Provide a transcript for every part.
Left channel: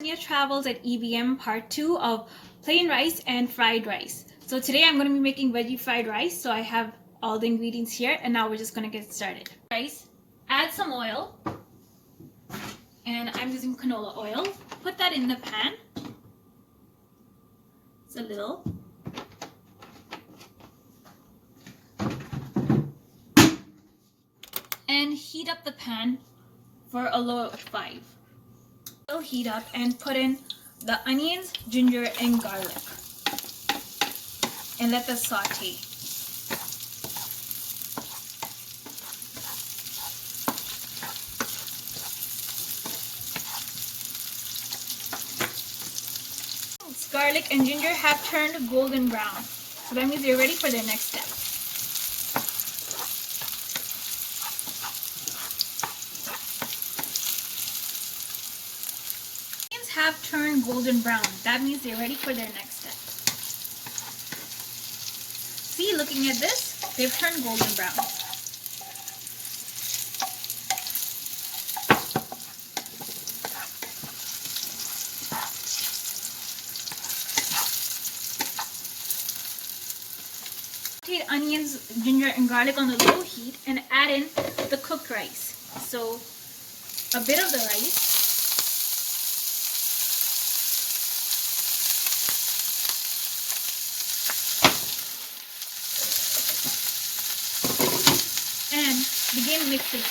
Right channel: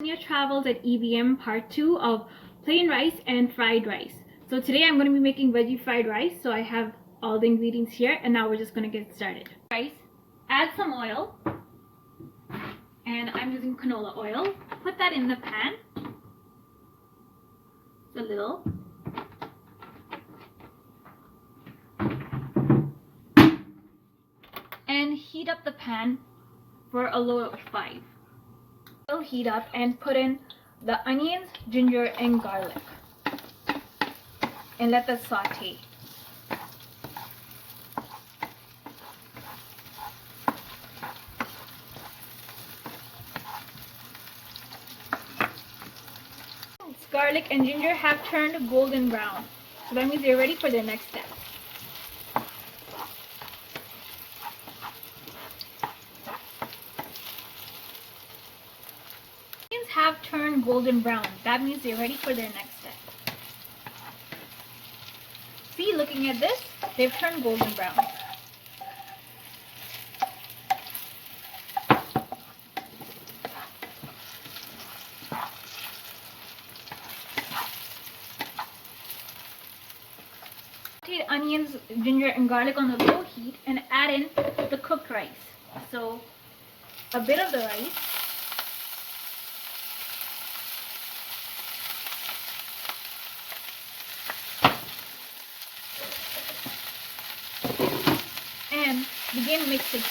Hunyah Travels at EBM part 2 of plain rice and fried rice. So today I'm going to be making veggie fried rice. So I have all the ingredients here and now we're just going to get started. Rice, add some oil, and I'm using canola oil. Put that in the pan. It's a little. And heat up the pan for a low of 5. It'll heat up and put in the onions, ginger, and garlic. And let that saute. Garlic and ginger have turned golden brown. So that means they're ready for their next step. Onions have turned golden brown. That means they're ready for their next step. See, looking at this, they've turned golden brown. Saute onions, ginger, and garlic on the low heat and add in the cooked rice. So a bit of the rice. And begin mixing.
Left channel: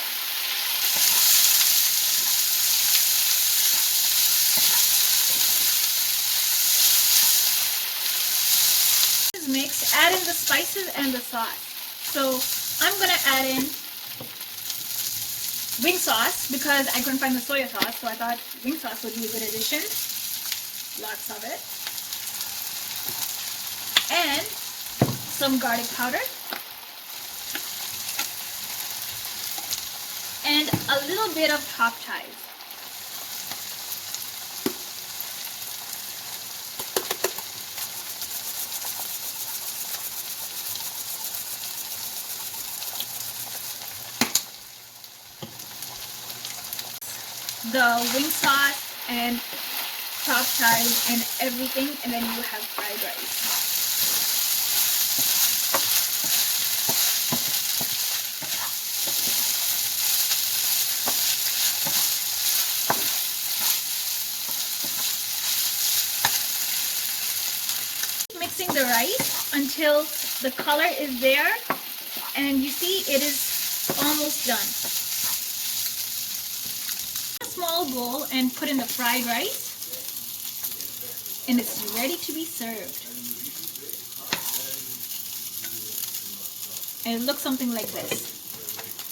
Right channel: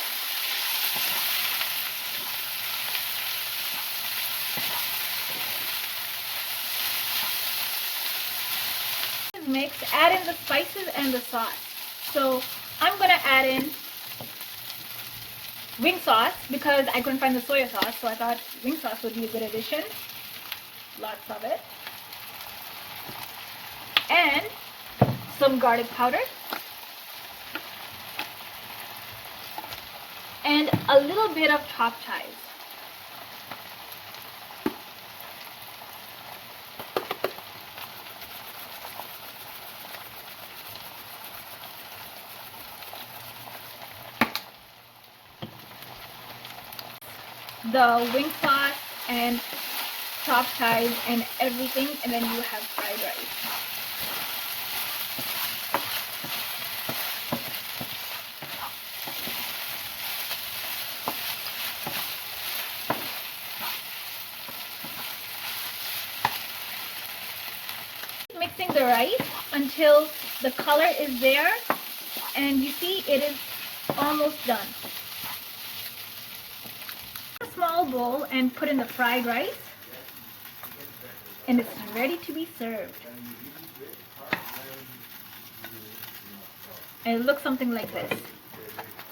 Mix, add in the spices and the sauce. So I'm gonna add in wing sauce because I couldn't find the soy sauce, so I thought wing sauce would be a good addition. Lots of it. And some garlic powder. And a little bit of chopped chives. The wing sauce and chopped chives and everything, and then you have fried rice. Mixing the rice until the color is there, and you see it is almost done. Small bowl and put in the fried rice, and it's ready to be served. And it looks something like this.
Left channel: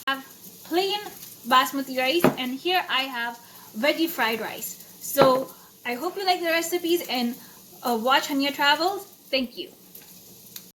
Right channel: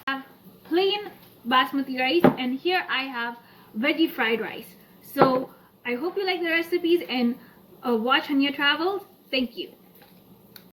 I have plain basmati rice, and here I have veggie fried rice. So I hope you like the recipes and watch Hunyah Travels. Thank you.